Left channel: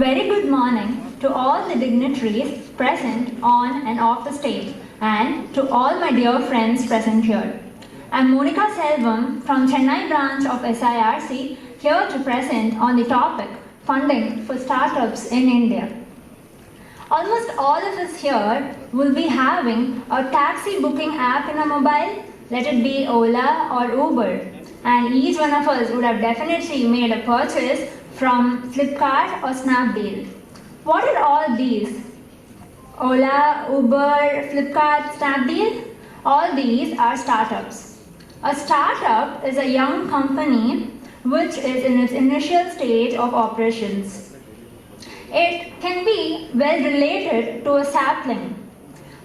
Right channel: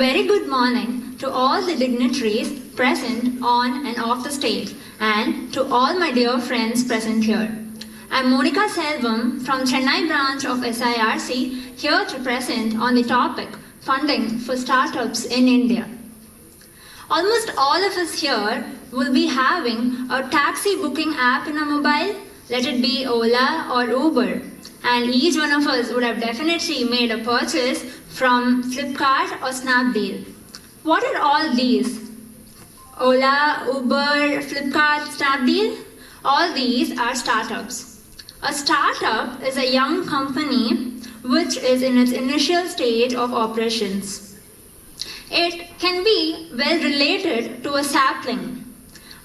very good morning to all the dignitaries present on and off the stage, and to all my dear friends present here. I'm Monica Selvam from Chennai branch of SIRC, here to present on the topic funding for startups in India. Almost all of us here will be having a taxi booking app in a mobile, let it be Ola or Uber. And each one of us would have definitely made a purchase from Flipkart or Snapdeal. What are all these? Ola, Uber, Flipkart, Snapdeal? All these are startups. A startup is a young company which is in its initial stage of operations. It can be well related to a sapling.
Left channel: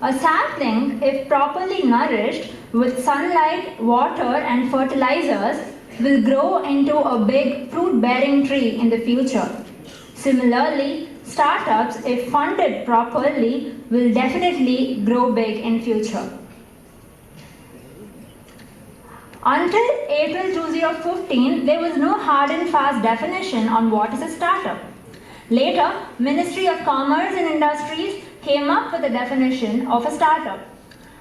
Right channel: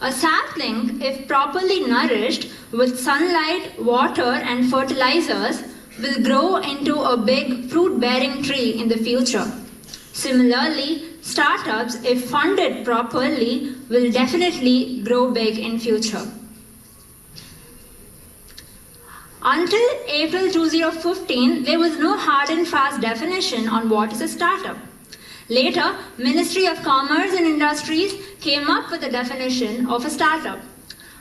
A sapling, if properly nourished with sunlight, water and fertilizers, will grow into a big fruit-bearing tree in the future. Similarly, startups, if funded properly, will definitely grow big in future. Until April 2015, there was no hard and fast definition on what is a startup. Later, Ministry of Commerce and Industries came up with a definition of a startup.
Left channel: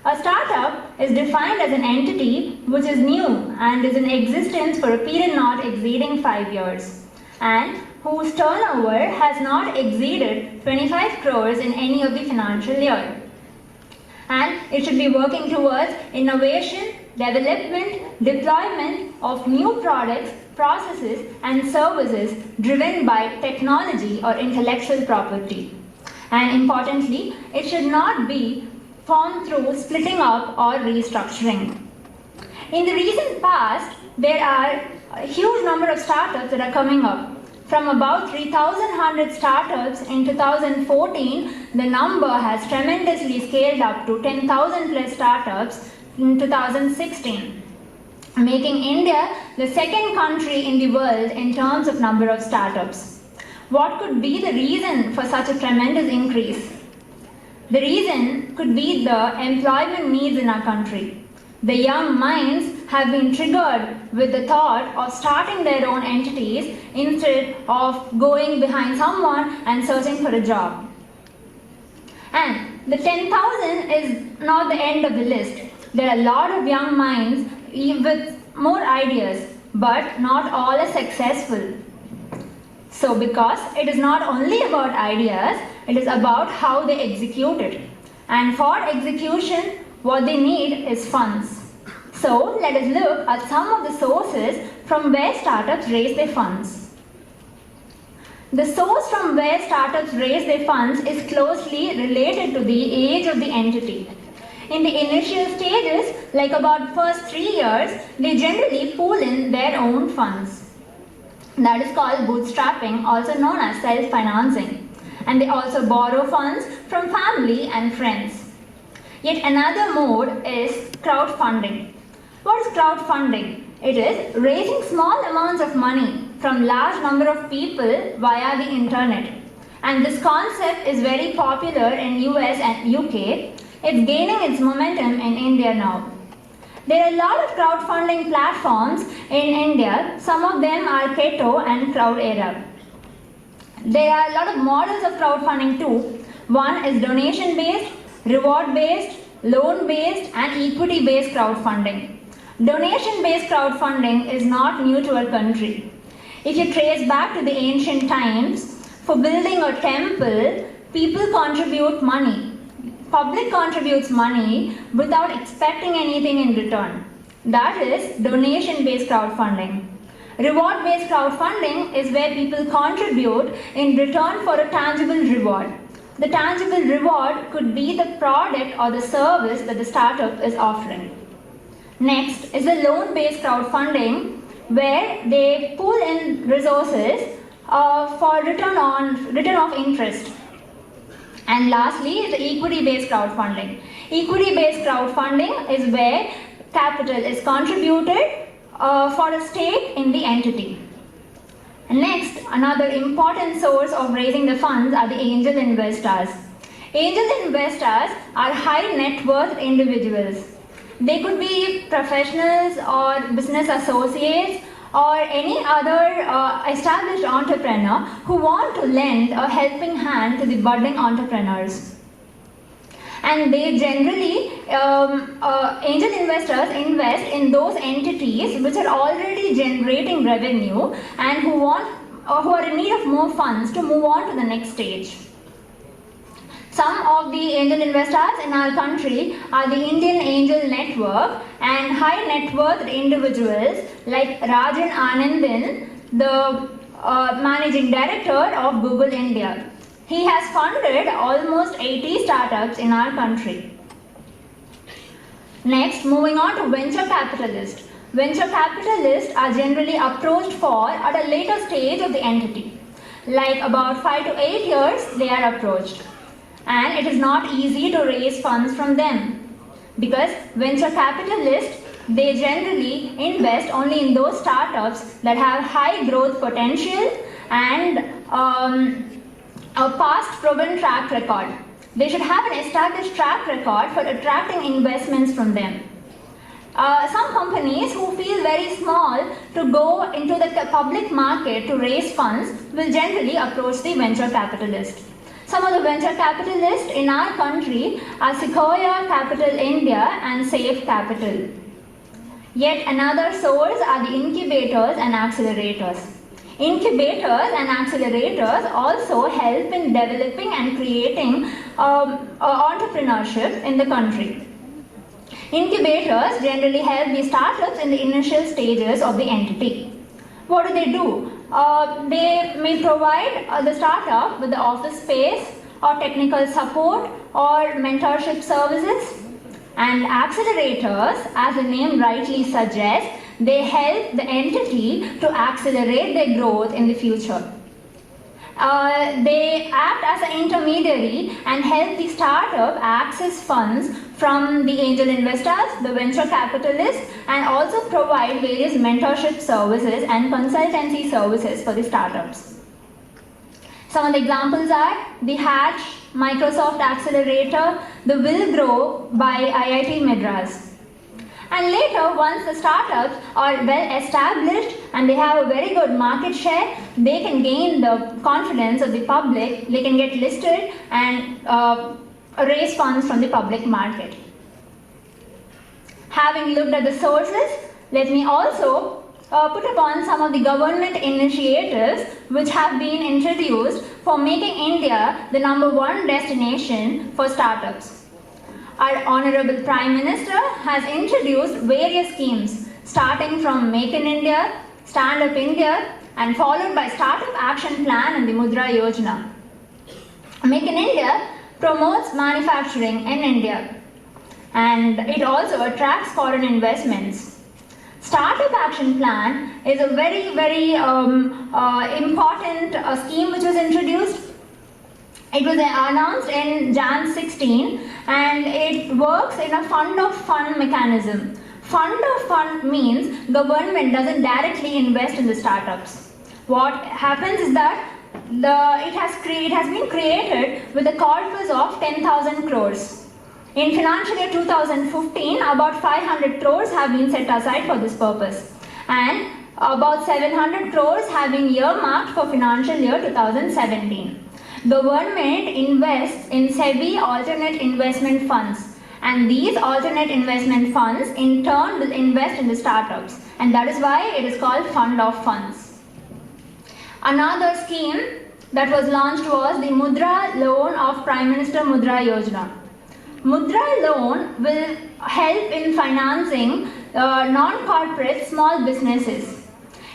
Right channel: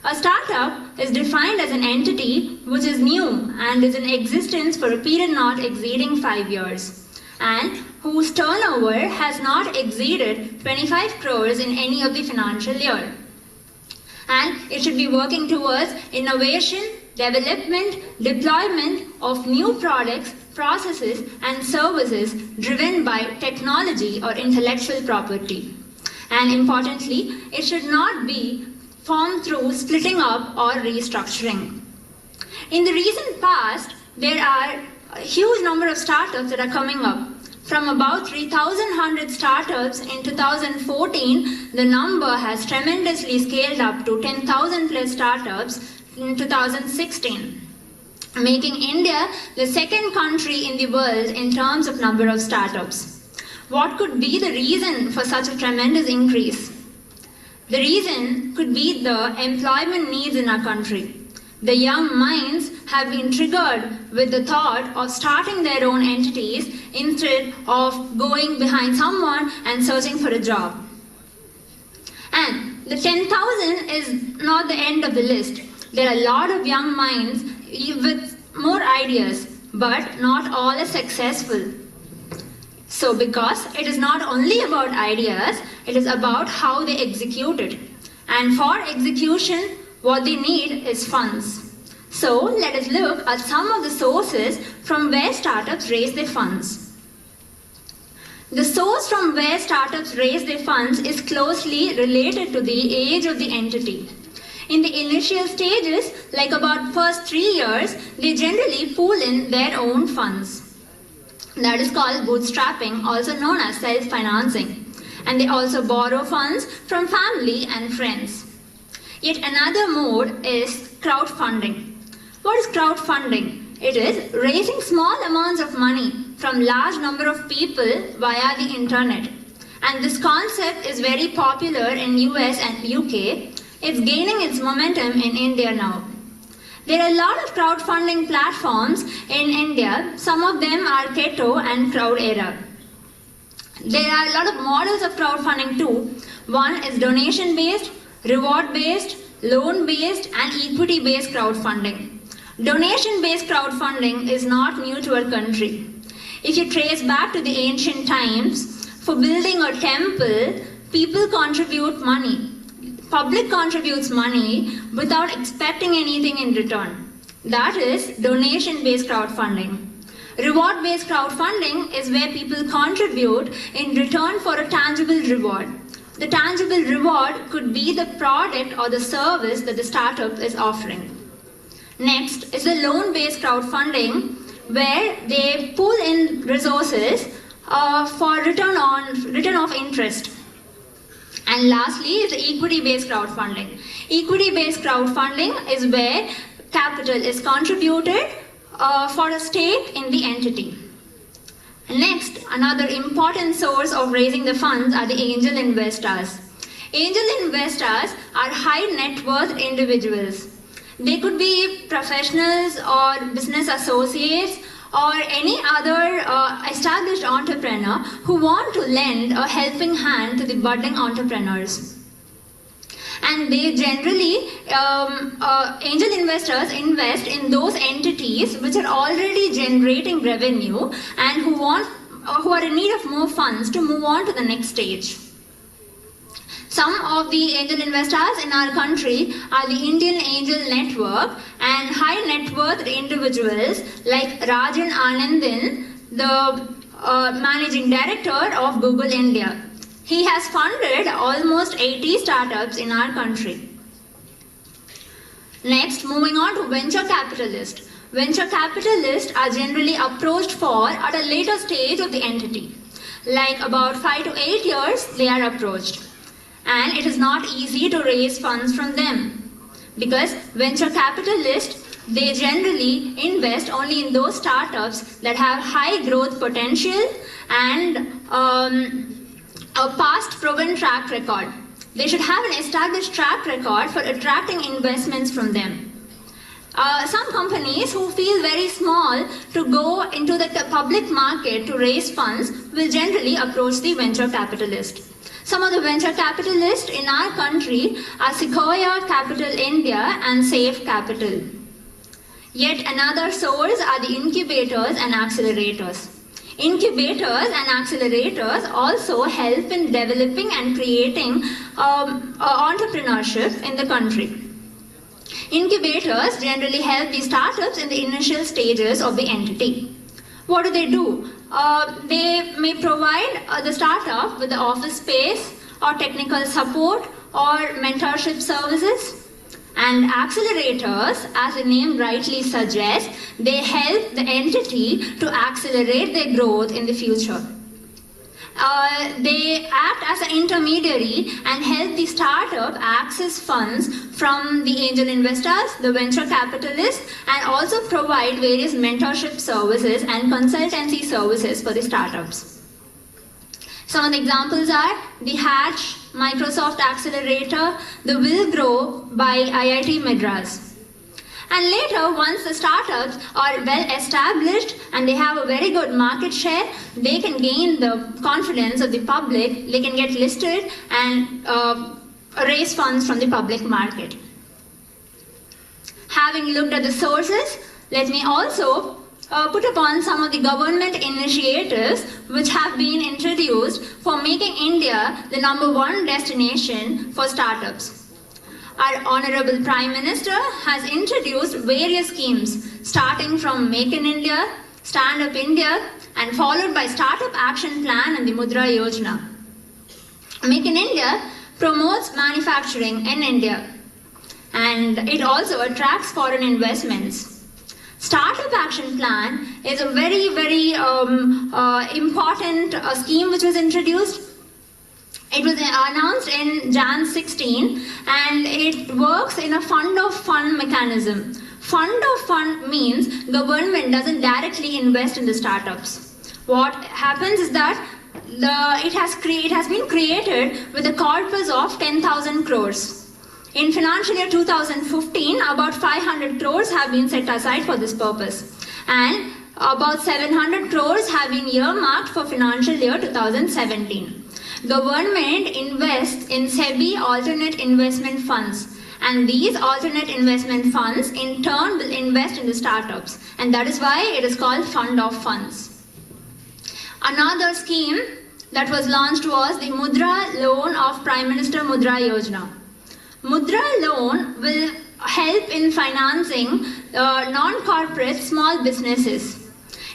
A startup is defined as an entity which is new and is in existence for a period not exceeding 5 years, and whose turnover has not exceeded 25 crores in any of the financial year. And it should be working towards innovation, development, deployment of new products, processes and services driven by technology or intellectual property. And importantly, it should not be formed through splitting up or restructuring. In the recent past, there are a huge number of startups that are coming up. From about 3,100 startups in 2014, the number has tremendously scaled up to 10,000 plus startups in 2016, making India the second country in the world in terms of number of startups. What could be the reason for such a tremendous increase? The reason could be the employment needs in our country. The young minds have been triggered with the thought of starting their own entities instead of going behind someone and searching for a job. And the 10,000 is not the end of the list. There are a lot of young minds with more ideas, but not all are successful. So because it is not only about ideas, it is about how they execute it. And for execution, what they need is funds. So let us look at some of the sources from where startups raise their funds. The source from where startups raise their funds is closely related to the age of the entity. In the initial stages, like about first 3 years, they generally pool in their own funds. That is called bootstrapping, also known as self-financing. And they also borrow funds from family and friends. Yet another mode is crowdfunding. What is crowdfunding? It is raising small amounts of money from large number of people via the internet. And this concept is very popular in US and UK. It's gaining its momentum in India now. There are a lot of crowdfunding platforms in India. Some of them are Keto and Crowdera. There are a lot of models of crowdfunding too. One is donation-based, reward-based, loan-based and equity-based crowdfunding. Donation-based crowdfunding is not new to our country. If you trace back to the ancient times, for building a temple, people contribute money. Public contributes money without expecting anything in return. That is donation-based crowdfunding. Reward-based crowdfunding is where people contribute in return for a tangible reward. The tangible reward could be the product or the service that the startup is offering. Next is the loan-based crowdfunding, where they pool in resources for return of interest. And lastly is the equity-based crowdfunding. Equity-based crowdfunding is where capital is contributed for a stake in the entity. Next, another important source of raising the funds are the angel investors. Angel investors are high net worth individuals. They could be professionals or business associates or any other established entrepreneur who want to lend a helping hand to the budding entrepreneurs. And they generally, angel investors invest in those entities which are already generating revenue and who are in need of more funds to move on to the next stage. Some of the angel investors in our country are the Indian Angel Network and high net worth individuals like Rajan Anandin, the managing director of Google India. He has funded almost 80 startups in our country. Next, moving on to venture capitalists. Venture capitalists are generally approached for at a later stage of the entity. Like about 5 to 8 years, they are approached. And it is not easy to raise funds from them. Because venture capitalists, they generally invest only in those startups that have high growth potential and a past proven track record. They should have an established track record for attracting investments from them. Some companies who feel very small to go into the public market to raise funds will generally approach the venture capitalist. Some of the venture capitalists in our country are Sequoia Capital India and Safe Capital. Yet another source are the incubators and accelerators. Incubators and accelerators also help in developing and creating entrepreneurship in the country. Incubators generally help the startups in the initial stages of the entity. What do? They may provide the startup with the office space or technical support or mentorship services. And accelerators, as the name rightly suggests, they help the entity to accelerate their growth in the future. They act as an intermediary and help the startup access funds from the angel investors, the venture capitalists, and also provide various mentorship services and consultancy services for the startups. Some of the examples are the Hatch Microsoft Accelerator, the Will Grow by IIT Madras. And later, once the startups are well established and they have a very good market share, they can gain the confidence of the public, they can get listed and raise funds from the public market. Having looked at the sources, let me also put upon some of the government initiatives which have been introduced for making India the #1 destination for startups. Our Honorable Prime Minister has introduced various schemes starting from Make in India, Stand Up India, and followed by Startup Action Plan and the Mudra Yojana. Make in India promotes manufacturing in India and it also attracts foreign investments. Startup Action Plan is a very, very important scheme which was introduced. It was announced in Jan 16 and it works in a fund of fund mechanism. Fund of fund means government doesn't directly invest in the startups. What happens is that it has been created with a corpus of 10,000 crores. In financial year 2015, about 500 crores have been set aside for this purpose. And about 700 crores have been earmarked for financial year 2017. Government invests in SEBI alternate investment funds. And these alternate investment funds in turn will invest in the startups. And that is why it is called Fund of Funds. Another scheme that was launched was the Mudra Loan of Prime Minister Mudra Yojana. Mudra Loan will help in financing non-corporate small businesses.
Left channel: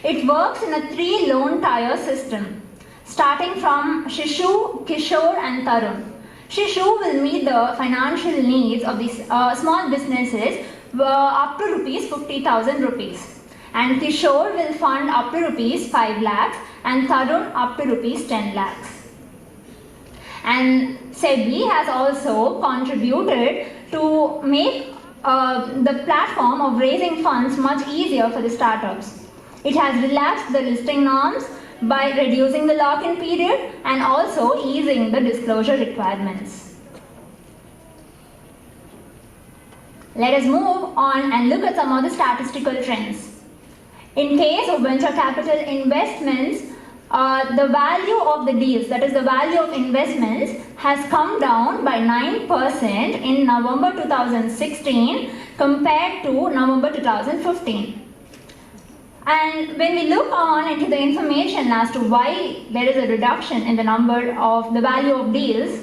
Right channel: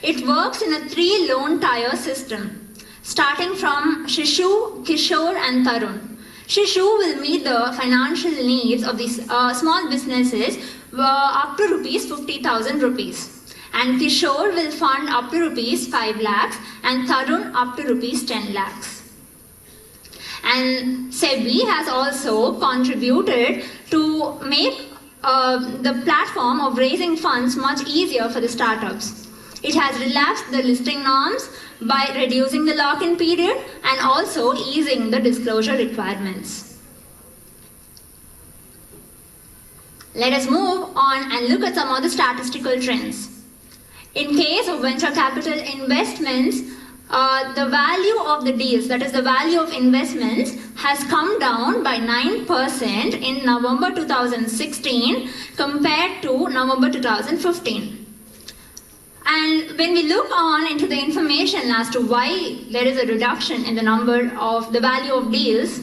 It works in a 3 loan tier system, starting from Shishu, Kishore and Tarun. Shishu will meet the financial needs of these small businesses up to rupees 50,000 rupees. And Kishore will fund up to rupees 5 lakhs and Tarun up to rupees 10 lakhs. And SEBI has also contributed to make the platform of raising funds much easier for the startups. It has relaxed the listing norms by reducing the lock-in period and also easing the disclosure requirements. Let us move on and look at some of the statistical trends. In case of venture capital investments, the value of the deals, that is the value of investments, has come down by 9% in November 2016 compared to November 2015. And when we look on into the information as to why there is a reduction in the number of the value of deals,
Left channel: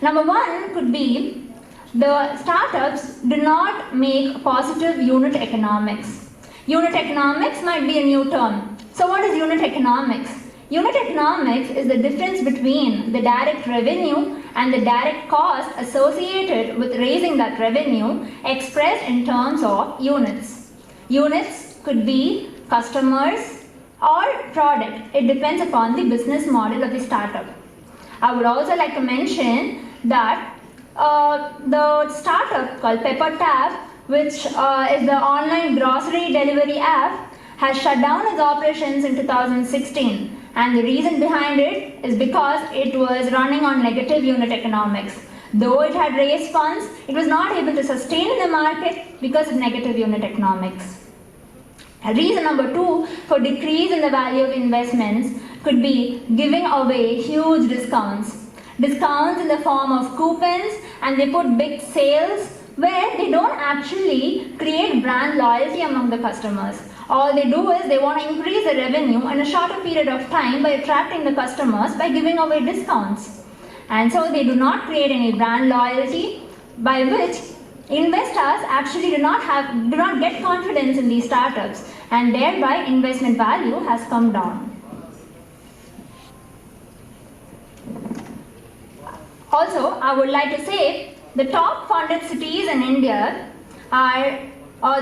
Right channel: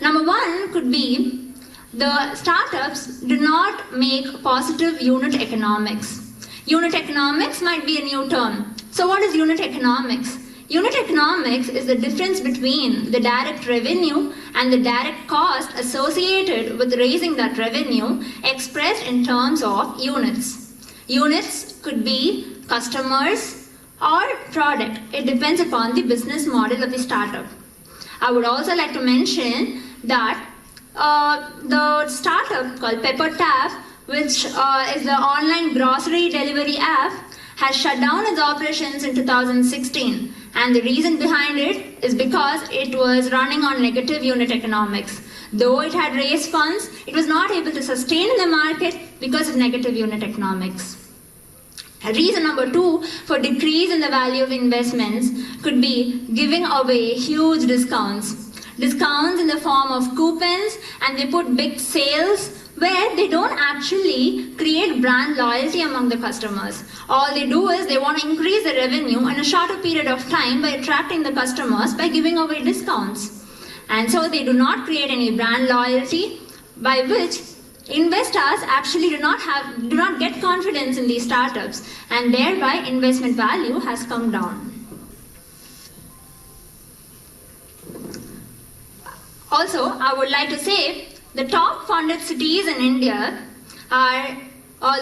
number one could be the startups do not make positive unit economics. Unit economics might be a new term. So what is unit economics? Unit economics is the difference between the direct revenue and the direct cost associated with raising that revenue expressed in terms of units. Units could be customers or product. It depends upon the business model of the startup. I would also like to mention that the startup called PepperTap, which is the online grocery delivery app, has shut down its operations in 2016. And the reason behind it is because it was running on negative unit economics. Though it had raised funds, it was not able to sustain in the market because of negative unit economics. Reason number two for decrease in the value of investments could be giving away huge discounts. Discounts in the form of coupons, and they put big sales where they don't actually create brand loyalty among the customers. All they do is they want to increase the revenue in a shorter period of time by attracting the customers by giving away discounts. And so they do not create any brand loyalty, by which investors actually do not get confidence in these startups, and thereby investment value has come down. Also, I would like to say the top funded cities in India are,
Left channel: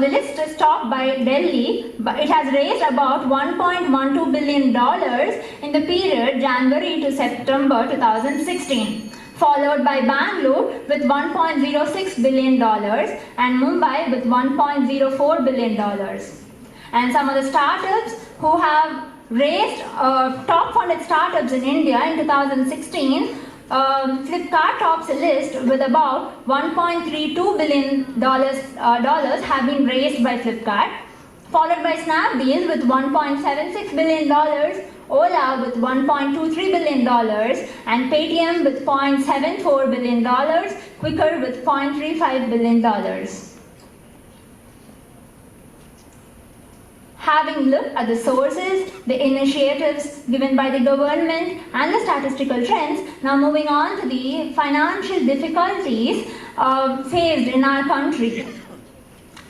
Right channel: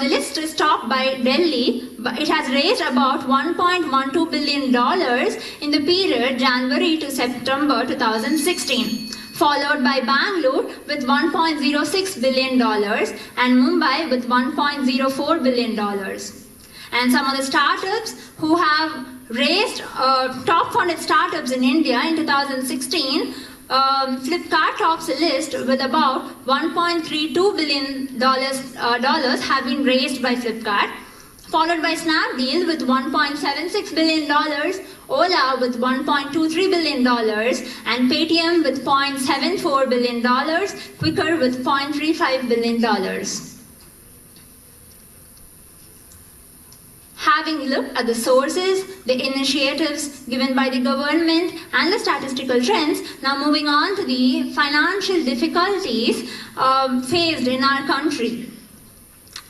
the list is topped by Delhi, but it has raised about $1.12 billion in the period January to September 2016. Followed by Bangalore with $1.06 billion and Mumbai with $1.04 billion. And some of the startups who have raised top funded startups in India in 2016, Flipkart tops the list with about $1.32 billion have been raised by Flipkart, followed by Snapdeal with $1.76 billion, Ola with $1.23 billion, and Paytm with $0.74 billion, Quikr with $0.35 billion. Having looked at the sources, the initiatives given by the government, and the statistical trends, now moving on to the financial difficulties faced in our country.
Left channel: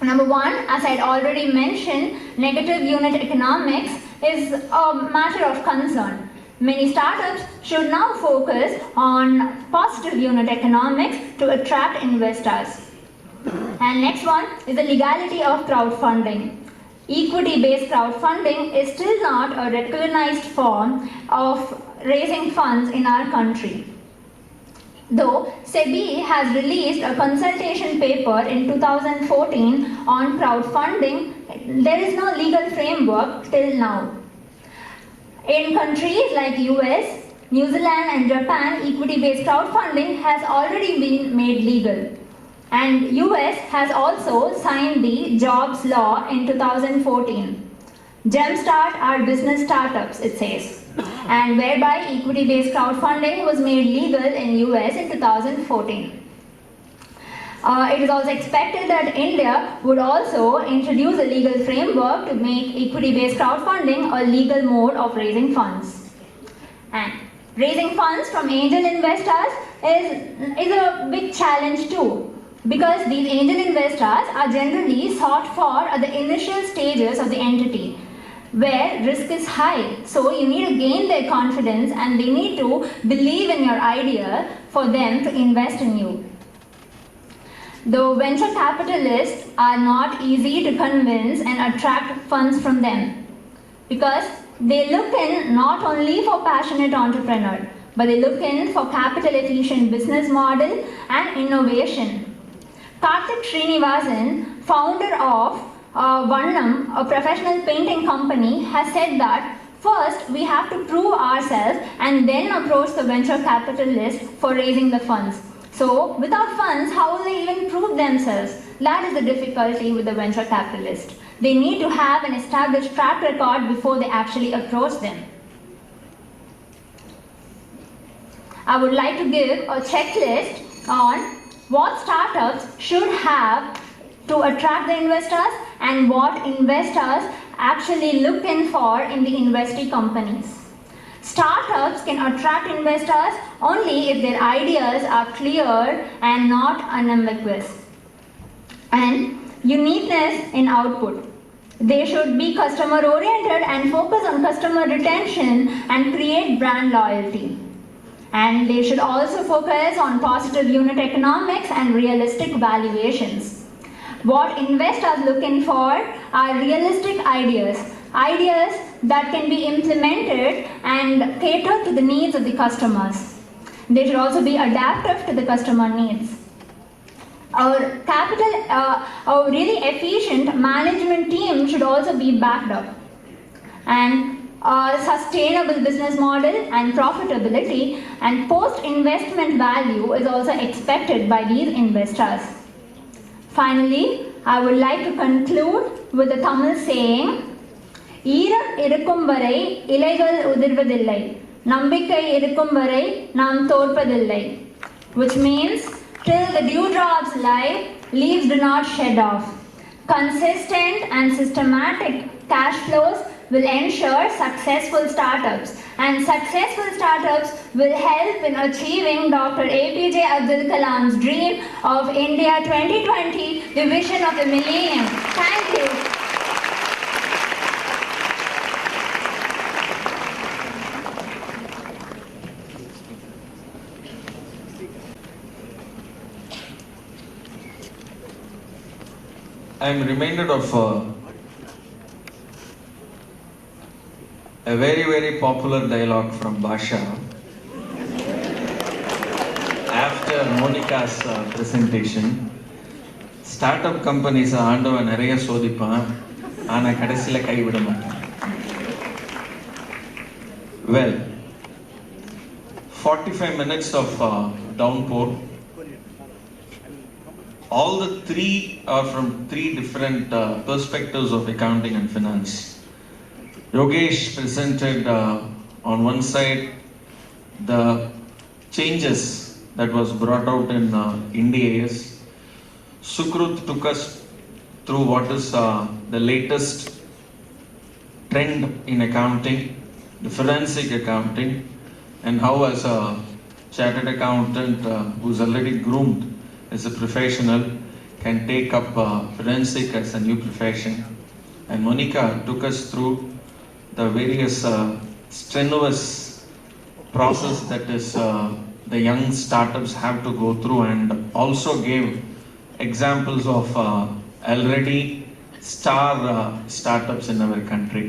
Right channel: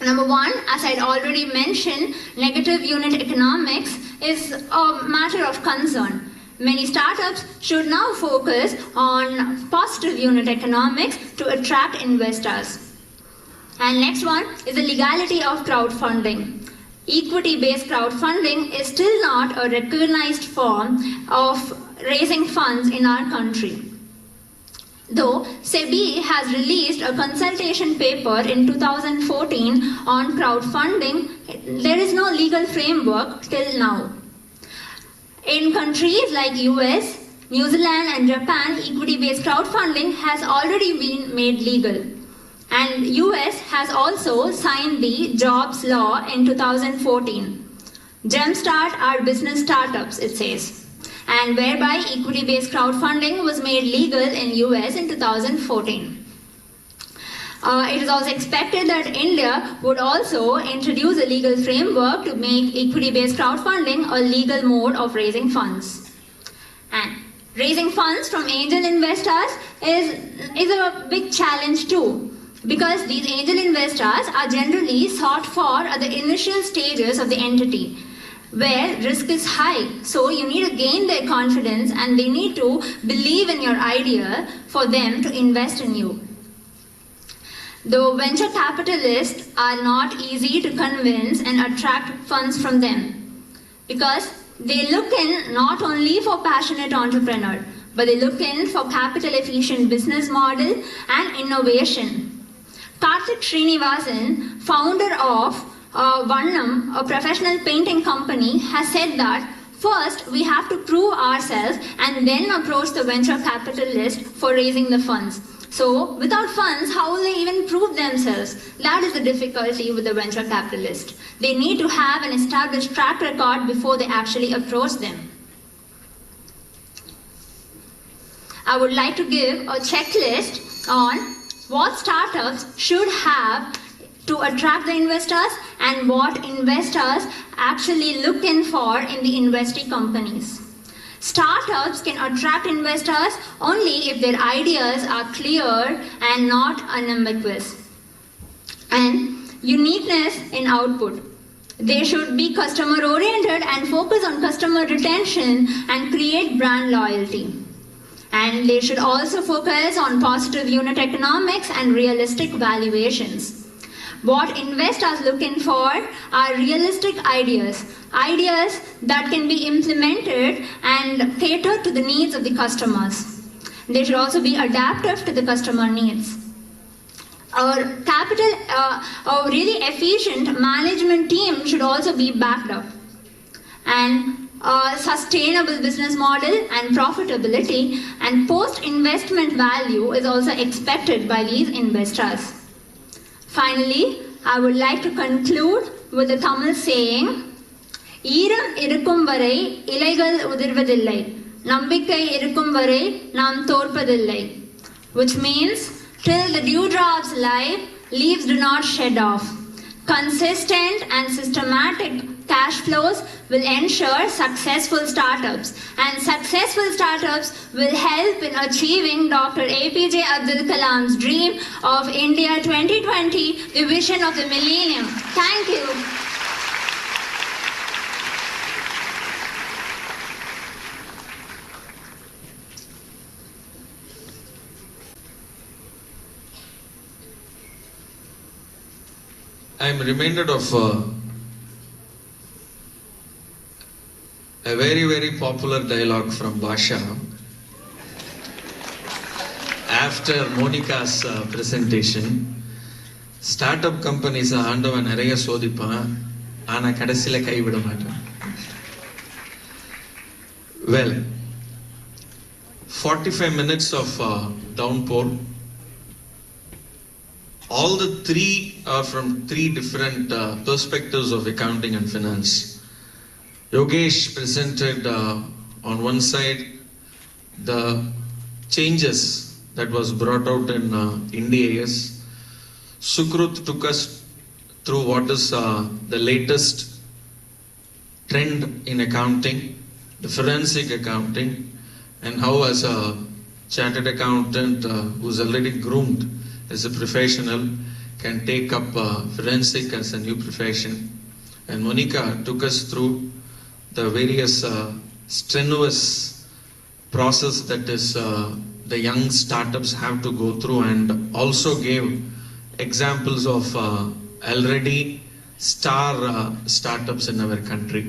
Number one, as I had already mentioned, negative unit economics is a matter of concern. Many startups should now focus on positive unit economics to attract investors. And next one is the legality of crowdfunding. Equity-based crowdfunding is still not a recognized form of raising funds in our country. Though SEBI has released a consultation paper in 2014 on crowdfunding, there is no legal framework till now. In countries like US, New Zealand and Japan, equity-based crowdfunding has already been made legal. And US has also signed the Jobs Law in 2014. Jumpstart our business startups, it says, and whereby equity-based crowdfunding was made legal in US in 2014. It is also expected that India would also introduce a legal framework to make equity-based crowdfunding a legal mode of raising funds. And raising funds from angel investors is a big challenge too, because these angel investors are generally sought for at the initial stages of the entity, where risk is high. So you need to gain their confidence and they need to believe in your idea for them to invest in you. Though venture capitalists are not easy to convince and attract funds from them, because they look in not only for passionate entrepreneur, but they look in for capital efficient business model and innovation. Karthik Srinivasan, founder of Vannam, a professional painting company, has said that first we have to prove ourselves and then approach the venture capitalist for raising the funds. So, without funds, how will they even prove themselves? That is the difficulty with the venture capitalist. They need to have an established track record before they actually approach them. I would like to give a checklist on what startups should have to attract the investors and what investors actually look in for in the investee companies. Startups can attract investors only if their ideas are clear and not unambiguous. And uniqueness in output. They should be customer oriented and focus on customer retention and create brand loyalty. And they should also focus on positive unit economics and realistic valuations. What investors look in for are realistic ideas, ideas that can be implemented and cater to the needs of the customers. They should also be adaptive to the customer needs. Our really efficient management team should also be backed up. And a sustainable business model and profitability and post-investment value is also expected by these investors. Finally, I would like to conclude with the Tamil saying, ஈரம் இருக்கும் வரை இலைகள் உதிர்வதில்லை, நம்பிக்கை இருக்கும் வரை நாம் தோற்பதில்லை. Which means, till the dewdrops lie, leaves do not shed off. Consistent and systematic cash flows will ensure successful startups, and successful startups will help in achieving Dr. APJ Abdul Kalam's dream of India 2020, the vision of the millennium. Thank you. I am reminded of a very, very popular dialogue from Basha after Monica's presentation. Startup companies ஆண்டவன் நிறைய சோதிப்பான், ஆனா கடைசியில கைவிட மாட்டான். Well, 45 minutes of downpour. All the three are from three different perspectives of accounting and finance. Yogesh presented on one side the changes that was brought out in NDAS. Sukrut took us through what is the latest trend in accounting, the forensic accounting, and how as a chartered accountant who's already groomed as a professional can take up forensic as a new profession. And Monica took us through the various strenuous process that is the young startups have to go through, and also gave examples of already star startups in our country.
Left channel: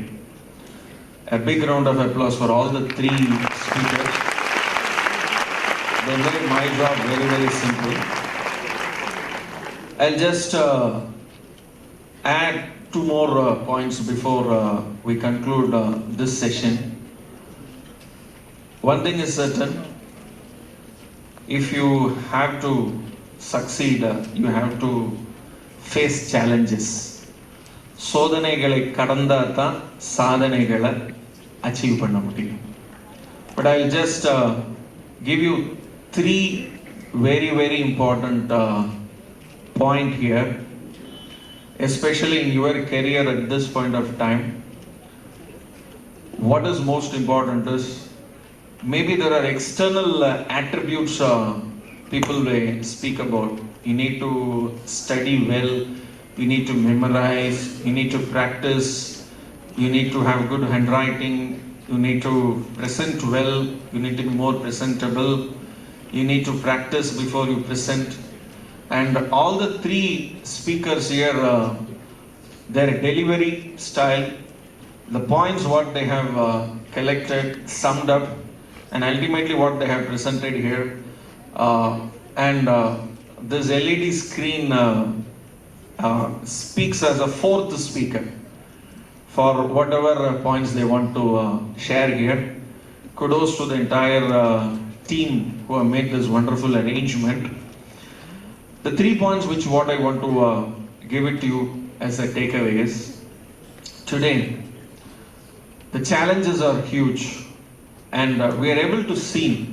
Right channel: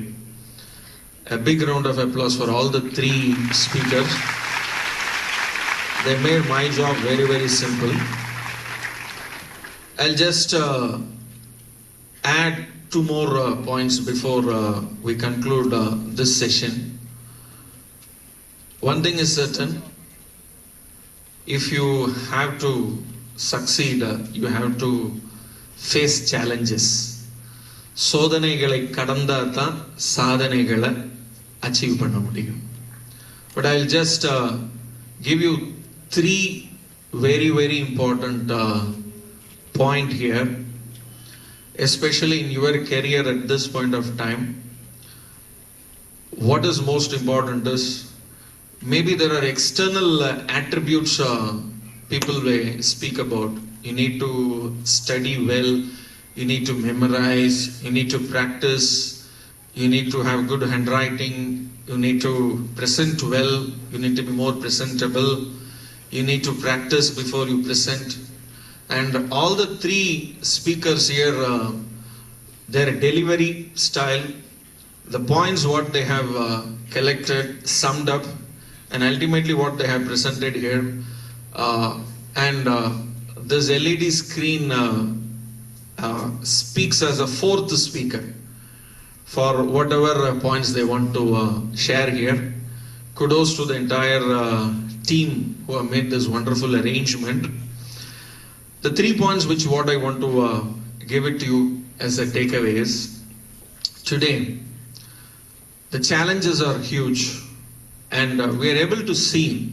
A big round of applause for all the three speakers. They made my job very, very simple. I'll just add two more points before we conclude this session. One thing is certain, if you have to succeed, you have to face challenges. சோதனைகளை கடந்தா தான் சாதனைகளை achieve பண்ண முடியும். But I'll just give you three very, very important point here, especially in your career at this point of time. What is most important is, maybe there are external attributes people may speak about. You need to study well, you need to memorize, you need to practice, you need to have good handwriting, you need to present well, you need to be more presentable, you need to practice before you present. And all the three speakers here, their delivery style, the points what they have collected, summed up, and ultimately what they have presented here. And this LED screen speaks as a fourth speaker for whatever points they want to share here. Kudos to the entire team who have made this wonderful arrangement. The 3 points which what I want to give it to you as a takeaway is, today, the challenges are huge, and we are able to see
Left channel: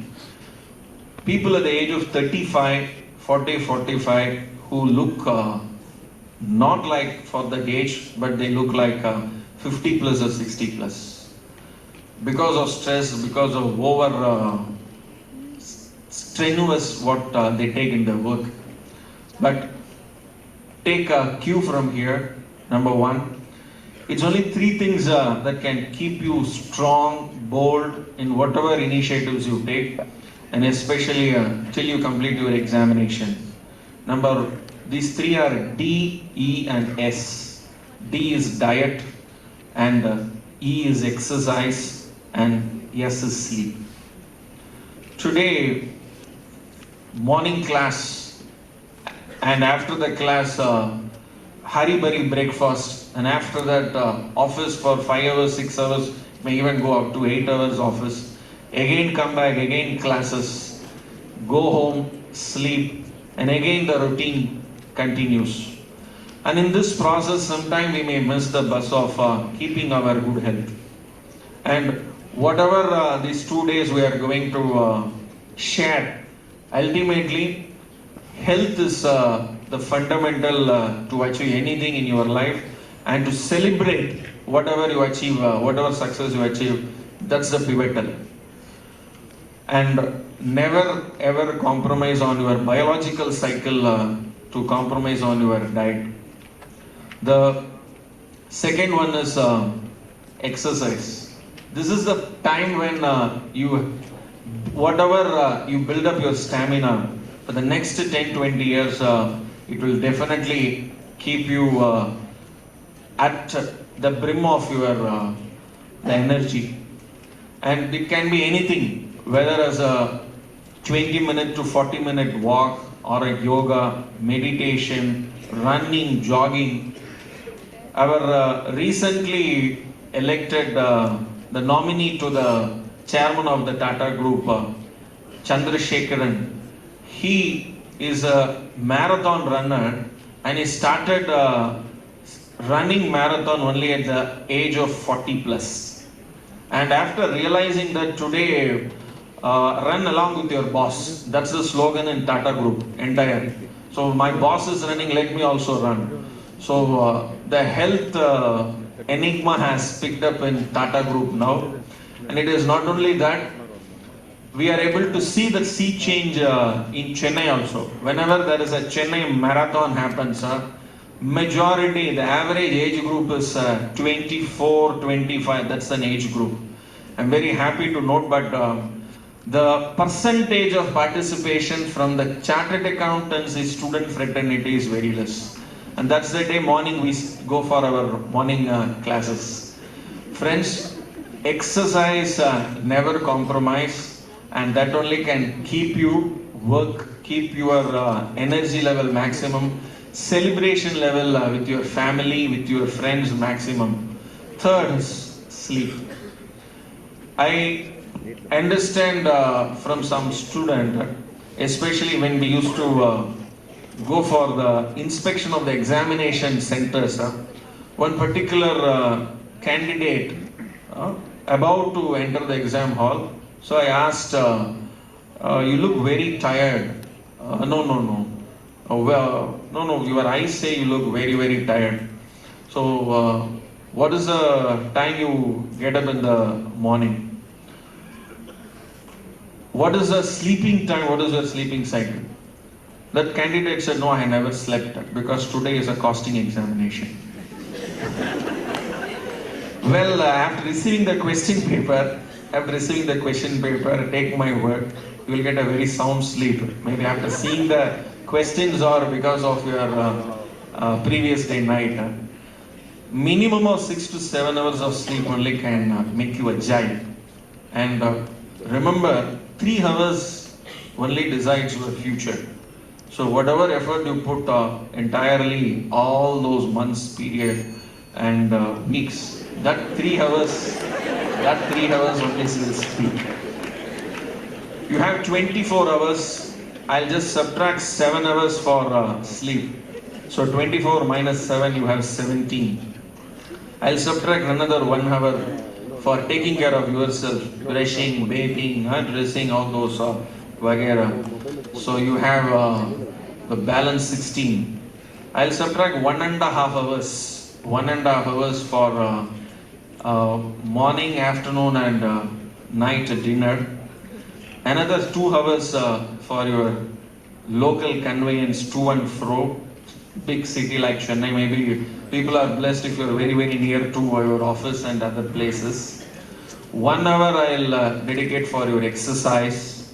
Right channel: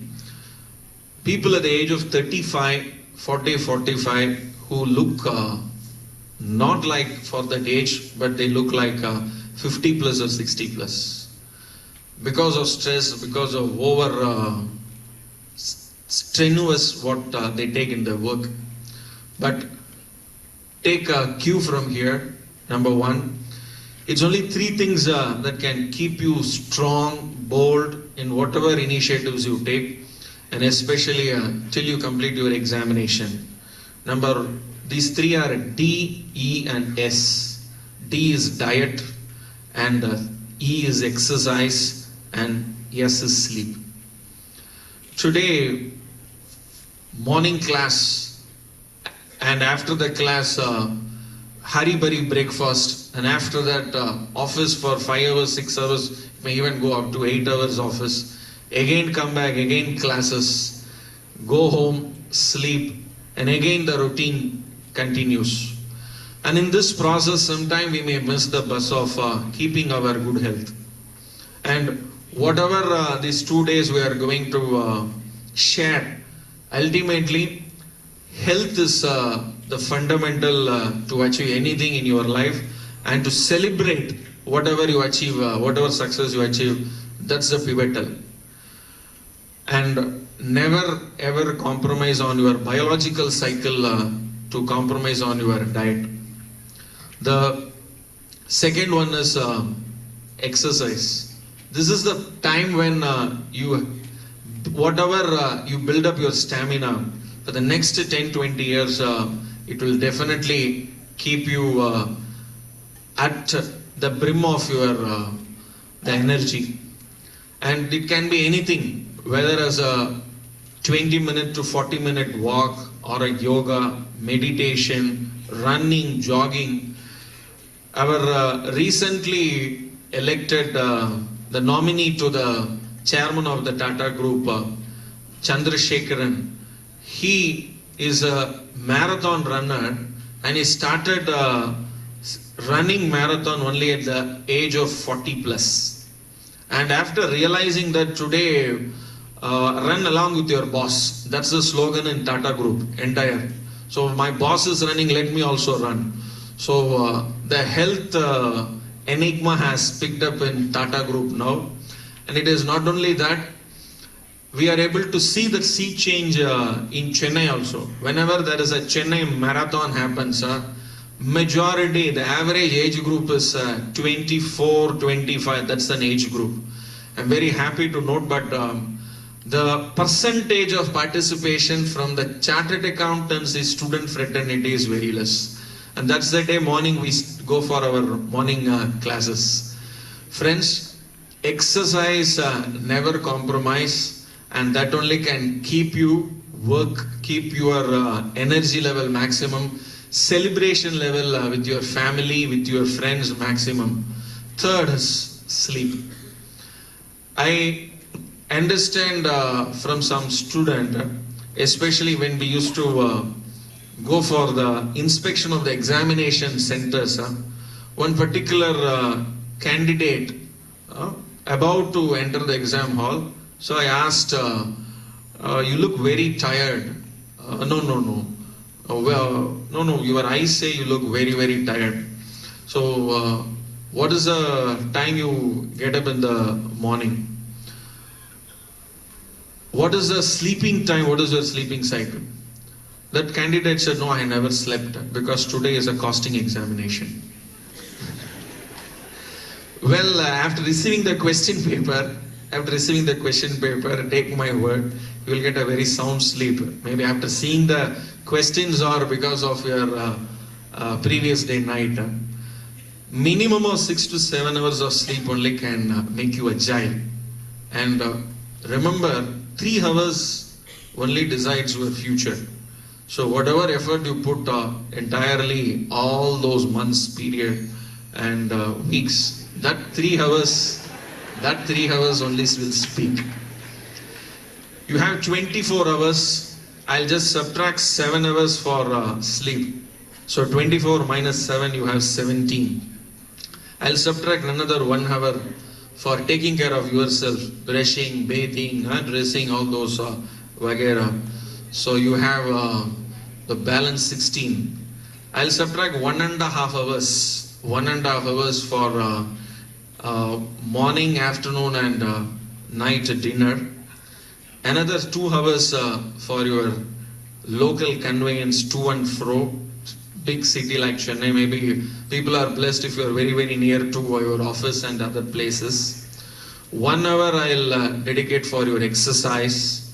people at the age of 35, 40, 45 who look not like for that age, but they look like 50 plus or 60 plus. Because of stress, because of over strenuous what they take in their work. But take a cue from here. Number one, it's only 3 things that can keep you strong, bold in whatever initiatives you take, and especially till you complete your examination. These 3 are D, E, and S. D is diet, and E is exercise, and S is sleep. Today, morning class, and after the class, hurry-burry breakfast, and after that, office for 5 hours, 6 hours, may even go up to 8 hours office. Again come back, again classes, go home, sleep, and again the routine continues. And in this process, sometimes we may miss the bus of keeping our good health. And whatever these 2 days we are going to share, ultimately, health is the fundamental to achieve anything in your life, and to celebrate whatever you achieve, whatever success you achieve, that's the pivotal. And never ever compromise on your biological cycle to compromise on your diet. The second one is exercise. This is the time when whatever you build up your stamina for the next 10-20 years, it will definitely keep you at the brim of your the energy. And it can be anything, whether as a 20-minute to 40-minute walk, or a yoga, meditation, running, jogging. Our recently elected the nominee to the chairman of the Tata Group, Chandrasekharan, he is a marathon runner, and he started running marathon only at the age of 40 plus. And after realizing that today, run along with your boss. That's the slogan in Tata Group, entire. So my boss is running, let me also run. So the health enigma has picked up in Tata Group now. And it is not only that, we are able to see the sea change in Chennai also. Whenever there is a Chennai marathon happens, majority, the average age group is 24, 25, that's an age group. I'm very happy to note, but the percentage of participation from the chartered accountancy student fraternity is very less. And that's the day morning we go for our morning classes. Friends, exercise, never compromise, and that only can keep you work, keep your energy level maximum, celebration level with your family, with your friends maximum. Third is sleep. I understand from some student, especially when we used to go for the inspection of the examination centers, one particular candidate about to enter the exam hall. So I asked, you look very tired. No. No, your eyes say you look very, very tired. So what is the time you get up in the morning? What is the sleeping time? What is your sleeping cycle? That candidate said, no, I never slept because today is a costing examination. Well, after receiving the question paper, take my word, you will get a very sound sleep. Maybe after seeing the questions or because of your previous day night. Minimum of 6 to 7 hours of sleep only can make you agile. And remember, 3 hours only decides your future. So whatever effort you put entirely all those months period and weeks, that 3 hours only will speak. You have 24 hours. I'll just subtract 7 hours for sleep. So 24 minus 7, you have 17. I'll subtract another 1 hour for taking care of yourself, brushing, bathing, dressing, all those vagera. So you have the balance 16. I'll subtract 1.5 hours. 1.5 hours for morning, afternoon, and night dinner. Another 2 hours for your local conveyance to and fro. Big city like Chennai, maybe people are blessed if you are very, very near to your office and other places. 1 hour I'll dedicate for your exercise,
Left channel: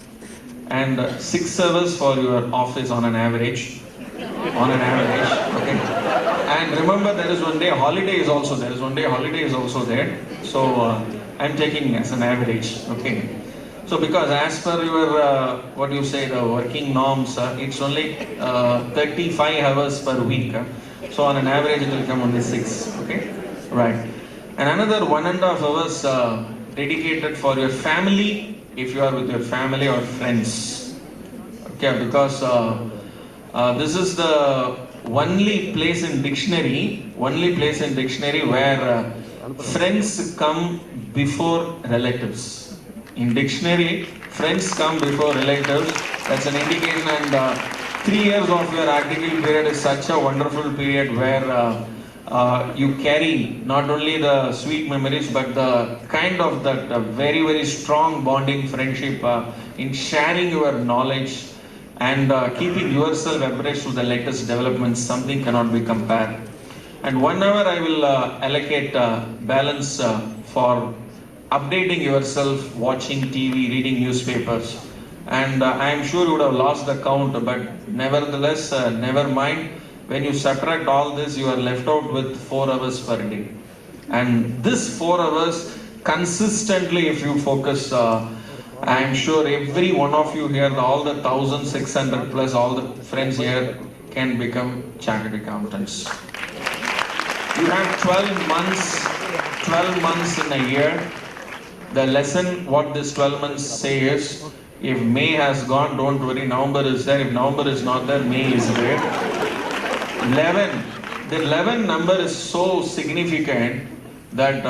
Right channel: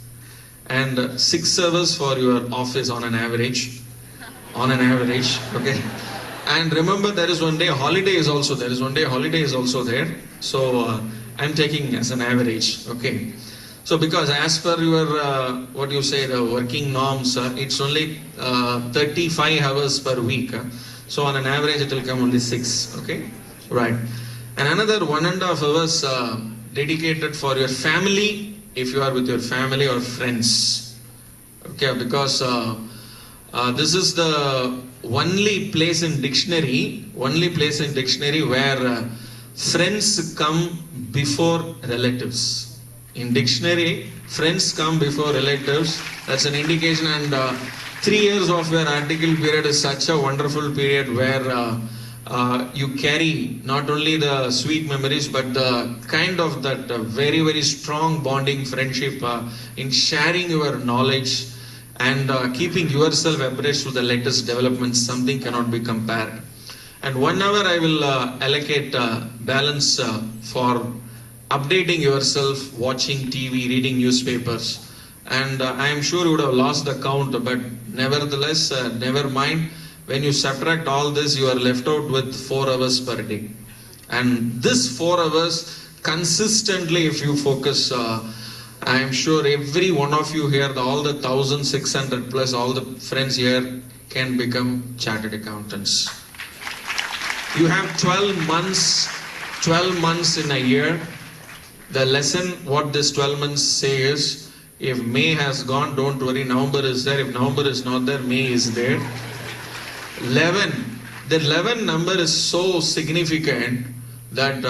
and 6 hours for your office on an average. On an average, okay. And remember, there is one day holiday is also there. So I'm taking as an average, okay. So because as per your, what you say, the working norms, it's only 35 hours per week. So on an average, it will come only 6, okay? Right. And another 1.5 hours dedicated for your family, if you are with your family or friends. Okay, because this is the only place in dictionary where friends come before relatives. In dictionary, friends come before relatives. That's an indication, and 3 years of your article period is such a wonderful period where you carry not only the sweet memories but the kind of that very, very strong bonding friendship in sharing your knowledge and keeping yourself abreast to the latest developments. Something cannot be compared. And 1 hour I will allocate balance for updating yourself, watching TV, reading newspapers. And I am sure you would have lost the count, but nevertheless, never mind. When you subtract all this, you are left out with 4 hours per day. And this 4 hours, consistently if you focus, I am sure every one of you here, all the 1,600 plus, all the friends here can become chartered accountants. You have 12 months in a year. The lesson, what this 12 months say is, if May has gone, don't worry, November is there. If November is not there, May is there. 11. The 11 number is so significant that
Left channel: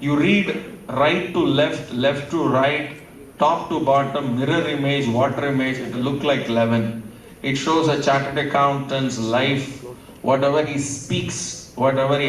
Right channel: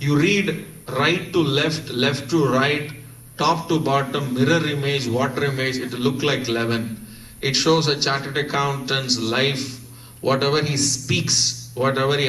you read right to left, left to right, top to bottom, mirror image, water image, it will look like 11. It shows a chartered accountant's life, whatever he speaks, whatever he